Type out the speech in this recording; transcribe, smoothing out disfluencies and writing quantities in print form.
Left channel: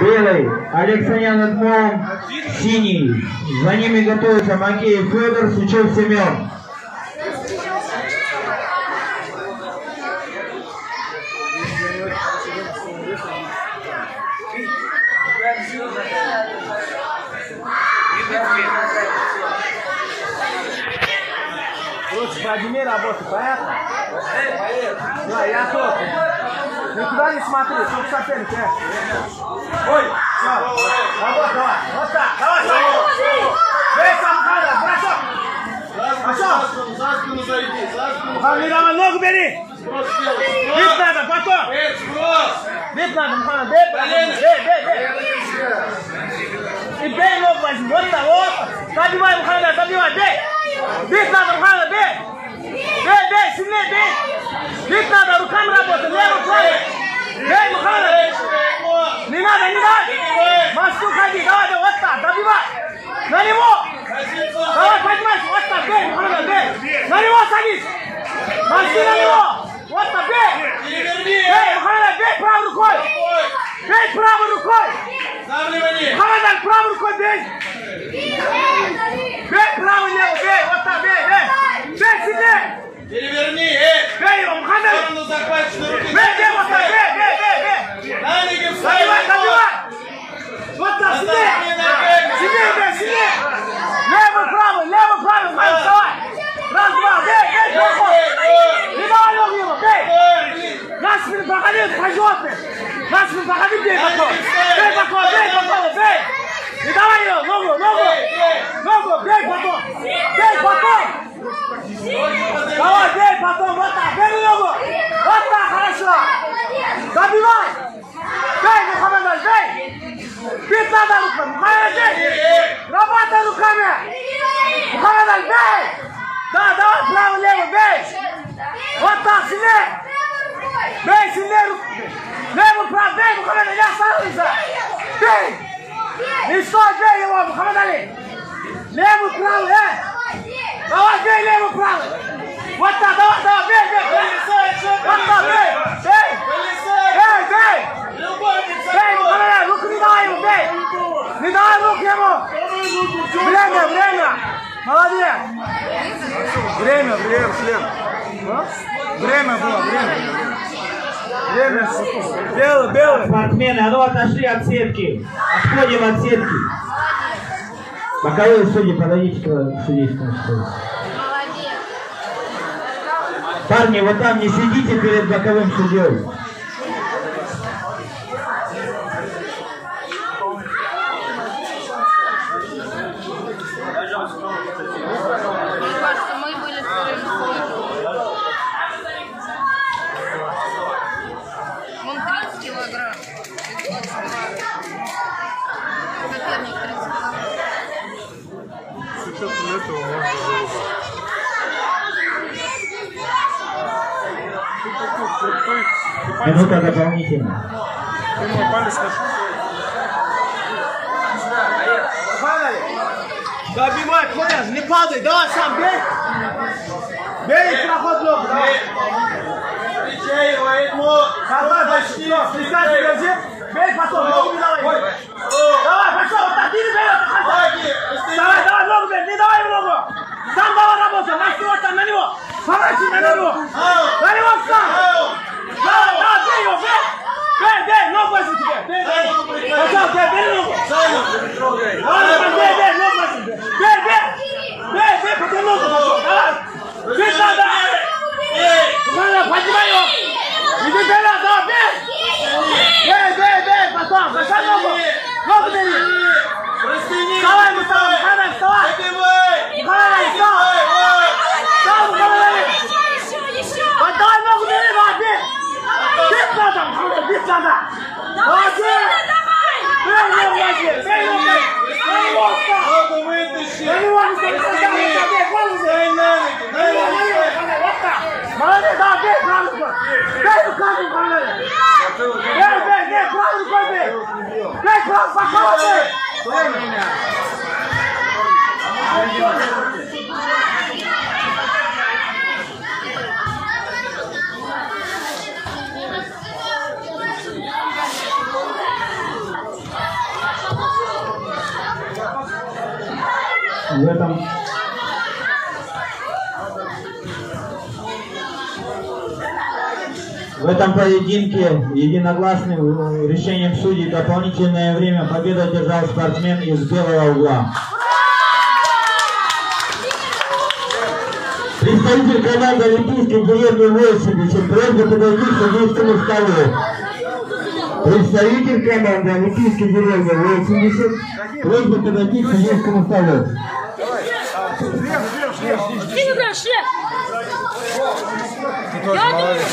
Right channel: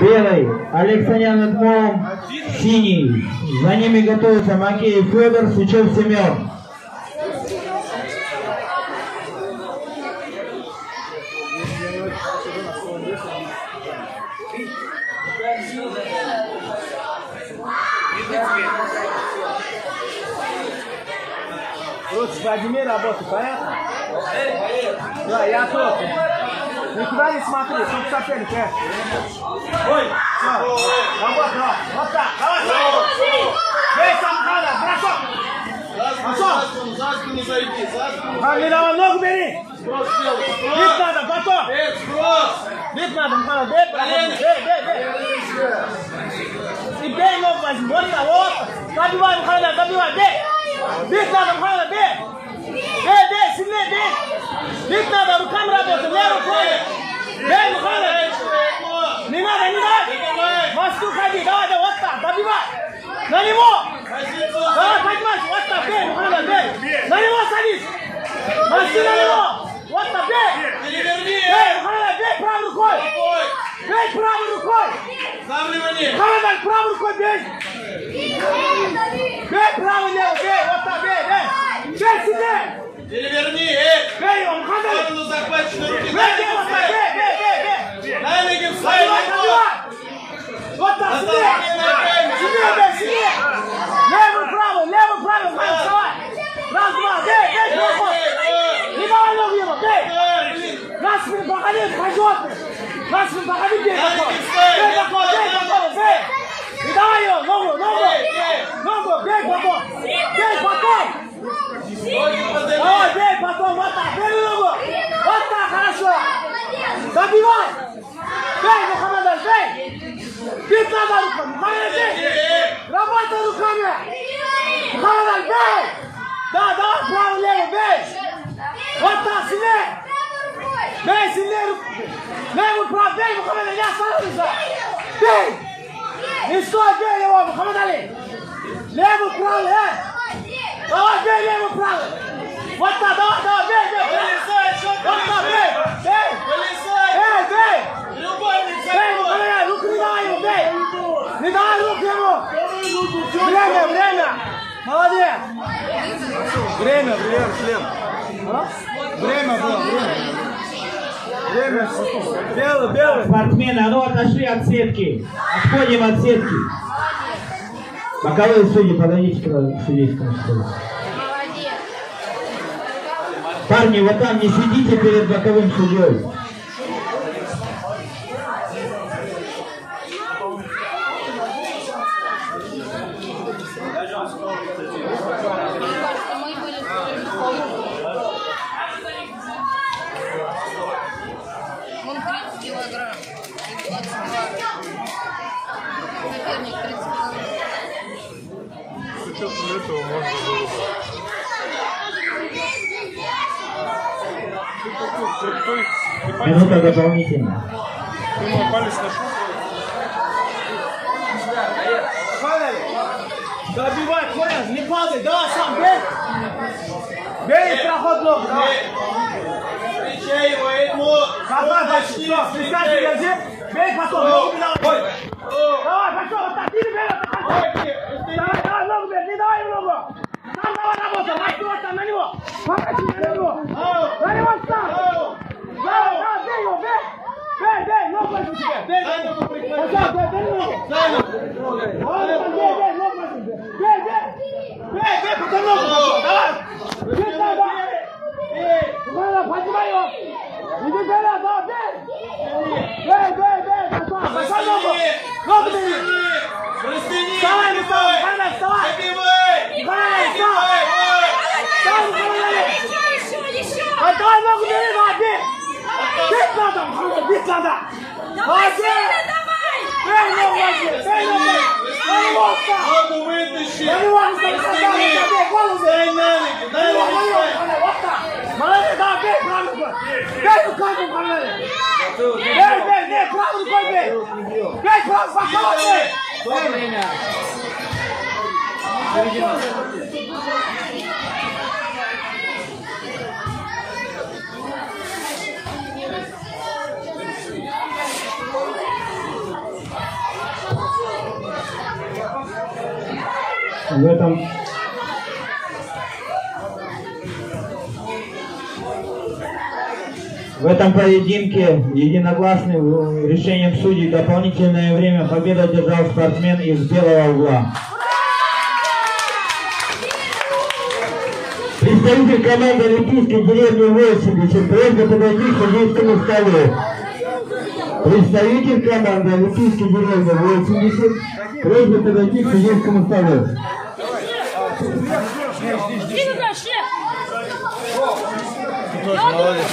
Белый, Александр Эдмон, синий. За ними готовится Макеев Федор, Сучев Семен. Короче, подними работу, понятно? Да, я тут. Никуда не смотри, чтобы соперник. Ой, все. Работа, давай. Вот так, давай, Саня. Эй, Самхана, бросок. За спину зайди, за спину. Мухаммед, давай, ногу бери. Бить надо, потом. Бить надо, Мухаммед, бей. И бей ногу возьми, вот так, вот. Добивай, Мухаммед, добивай, бей. Бить надо, Мухаммед, бей. Бей, сильнее бей. Бить надо, руками работать, левый, правый. Бей, Мухаммед. Не надо. Москву ходи, давай, вот так, добивай. На него. Давай, поднимайся, вот так, бей, Мухаммед, бей. На него садись. Москву на него. Вот так, бей. Бей, Мухаммед, бей правой рукой. Бей правой рукой. Мухаммед, правой рукой бей. Бей правый, левый, бей, вот так, бей. Бей сильнее. Переверни, Бей его, Мухаммед. Бей, вот так, бей. Добивай. Вот так, сильнее. Левый, правый, Мухаммед, вставай. Раз, два, бей, проход. Не давай ногу ему, бей. На спину проходи, по-животному. На спину проходи, бей потом. Бей потом, бей. Не давай его, ногу, бей потом. Давай, бей потом, вот так, бей ногу. Вот так, хорошо. Добивай. Бей, Мухаммед, бей. Бить надо руками, Мухаммед, бей. Работай руками. Мухаммед, бей. Да, давай, правый, левый, бей. Вот так, сильнее. Бей, сильнее. Левый, правый, бей, Мухаммед, не остановись. Бей. Не стой, бей его, Мухаммед Али. Левый, правый, Давай, бей, левый, правый. Вот так, давай, бей. Вот так, бей. Бей. Бей, Мухаммед Али, руку не давай ему, бей. Не давай руку ему. Время. Молодец. Время, шлем. Время было. Белый. Спортсмены, а ну отошли от сетки. Отходим от сетки. Боковые судьи, подойдите к судейскому столу. Парни, вот там не сидите перед боковым судьей. Этого можно было бы. Минута дополнительно. Ты мой палец нашел? Добивай, понял? Не падай, давай сам, бей. Бей, проход ногу, давай. Встречай его, Эдмон. Давай, дальше, все, пристань, держи. Бей потом, ногу не давай. Давай, пошел, вот так, ты не бей, давай, ногу бей, не давай ему ногу. Сам давай работай, на него. Поворачивай на него. На него сам. Давай, бей его, бей, ногу возьми тебе. Бей. Пошел, бей ногу. Бей, ногу возьми. Бей, потом ногу пошел, давай. Бей надо. Поднимай его. Иди вперед, давай, бей, потом. Пошел ногу бери. Вставай, вставай. Давай ногу бери, давай, бей. Бить надо. Молодец. Бей ногу возьми. На него встань. Ногу вытащи. На него не бей, голову бей. Вот так. Молодец, давай, бей правой рукой. Бей руками, Мухаммед. Бей, правой рукой бей. Бей правой, боковой бей. В этом поединке единогласным решением судей дополнительное время победу одержал спортсмен из белого угла. Представитель команды Олимпийской деревни 80, просьба подойти к судейскому столу. Представитель команды Олимпийской деревни 80, просьба подойти к судейскому столу. Ты тоже молодец.